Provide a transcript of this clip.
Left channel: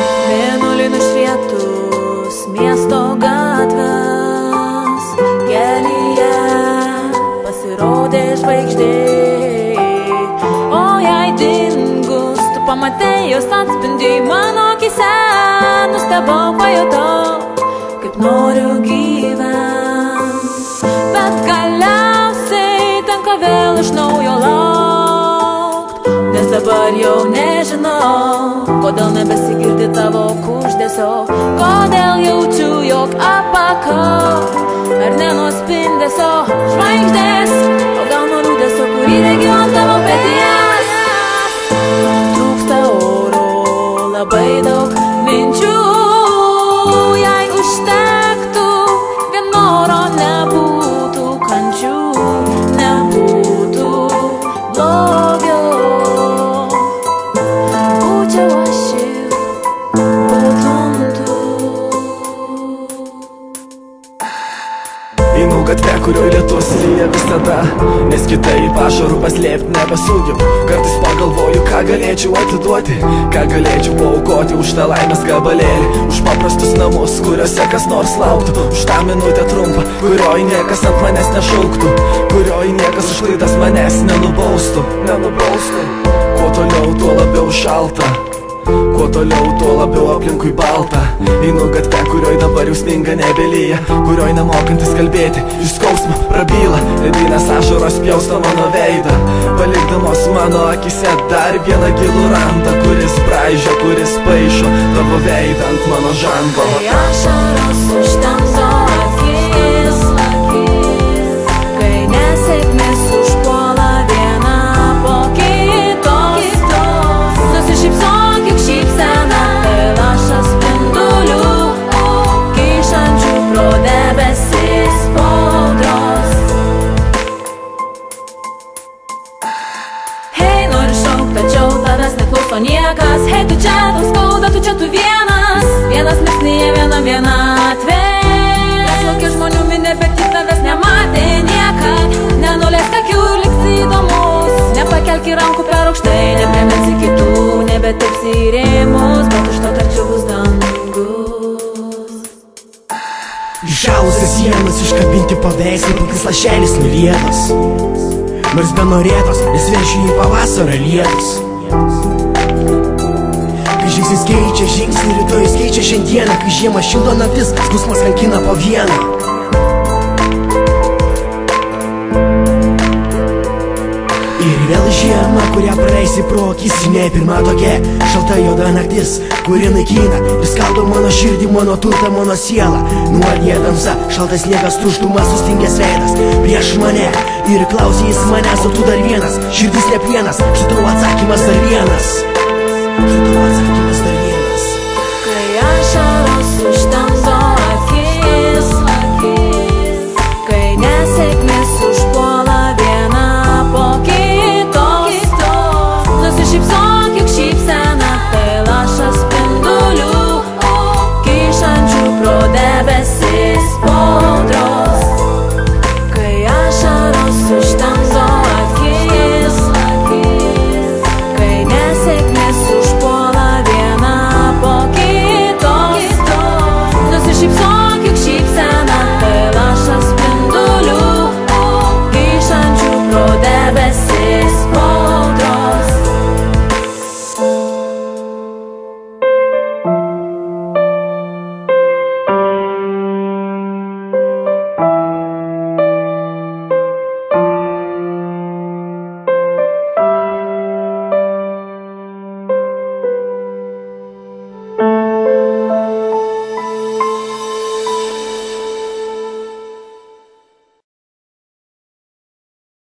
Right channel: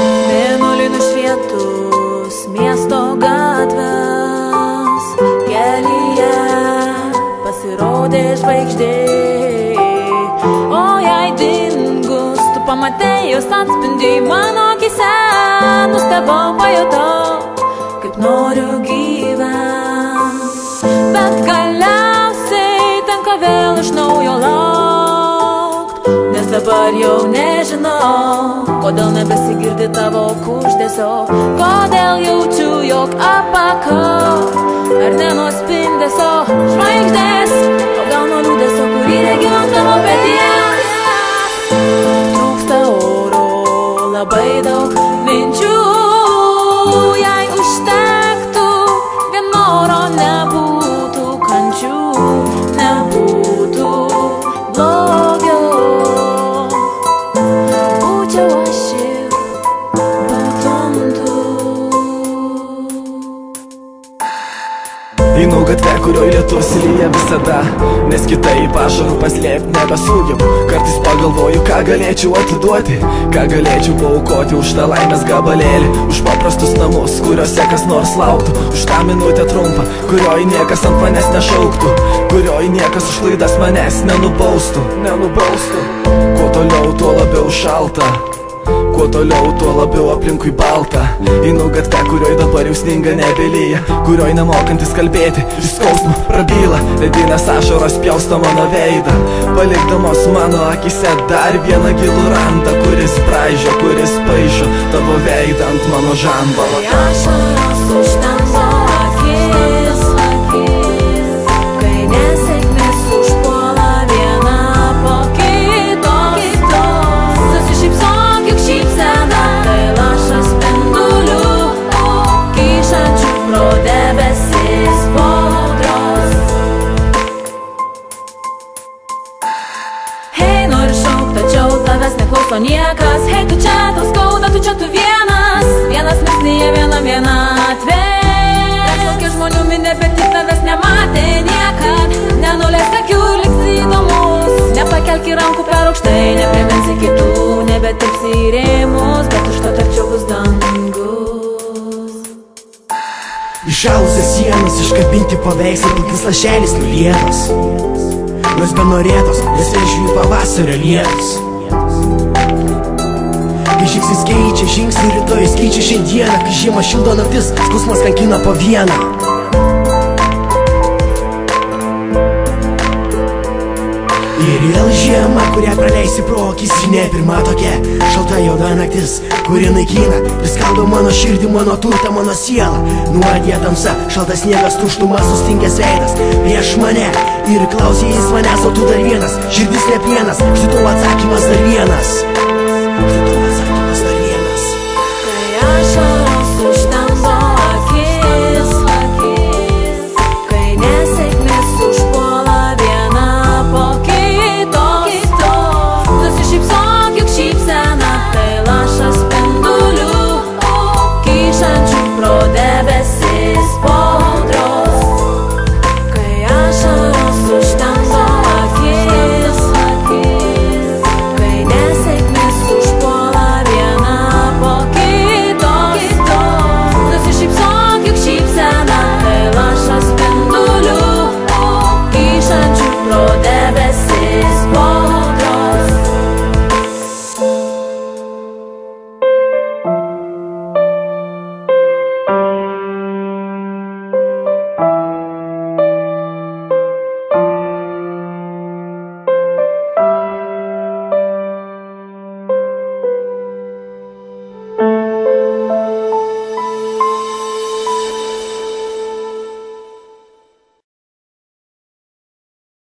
Mėnulį nušvietus miesto gatvės, kelyje pasirodė žvaigždė. O jai dingus, tu pamatei jos atspindį mano akise. Nustebau, pajutau, kaip noriu gyvent, bet galiausiai tenka vėl iš naujo laukt, nes dabar jau nežinau, kodėl nebesigirdi tavo kuždesio, kodėl jaučiu, jog apakau, ar ne nuo spindesio žvaigždės, o gal nuo liūdesio, kurį regiu ant tavo peties. Trūksta oro, labai daug minčių, jei užtektų vien noro, nebūtų kančių, nebūtų blogio. Būčiau aš ir būtum tu. Einu gatvę, kurioj lietus lyja visada, nes kitaip ašarų paslėpti nebesugebu. Kartais pagalvoju, ką galėčiau atiduoti, ką galėčiau paaukoti už tą laimės gabalėlį, už paprastus namus, kuriuose kas nors lauktų, už tą minutę trumpą, kurioj niekas ant manęs nešauktų, kurioj niekas už klaidas manęs nenubaustų. Kuo toliau, tuo labiau šalta, kuo toliau, tuo labiau aplinkui balta. Einu gatvę, kurioj dabar jau sninga nebelyja, kurioj nemokantis kalbėti, iš skausmo prabyla, ledinės ašaros pjausto mano veidą, palikdamos mano akise dar vieną gilų randą, kuris braižo, kuris paišo tavo veidą ant mano žando. Ašaros užtemdo akis, kai nesėkmės užpuola viena po kitos. Susišypsok, juk šypsena tai lašas spindulių, kyšančių pro debesis audros. Hei, nori šaukt, tačiau tavęs neklauso niekas. Hei, tu čia, tau skauda, tu čia, tu vienas, vienas mislyje, vienatvė. Praplaukė žmonių minė, bet tik tavęs nematė niekad. Nenuleisk akių, liksi įdomus, nepakelki rankų per aukštai, nepriminsi kitų, nebetilpsi į rėmus, bet užtat arčiau bus dangus. Išalusias sienas iškabinti paveikslai, pilkis lašelis nulietas, nors benorėtos, nes vien šį pavasario lietus. Kai žingsnis keičia žingsnį, rytojus keičia šiandieną, kai žiemą šildo naktis, skausmas kankina po vieną. Ir vėl žiema, kurią praleisi pro akis, ne pirma tokia šalta juoda naktis, kuri naikina ir skaldo mano širdį, mano turtą, mano sielą. Nuodija tamsa, šaltas sniegas, tuštumas, sustingęs veidas prieš mane ir klausys manęs, o tu dar vienas, širdis ne plienas, štai tau atsakymas dar vienas.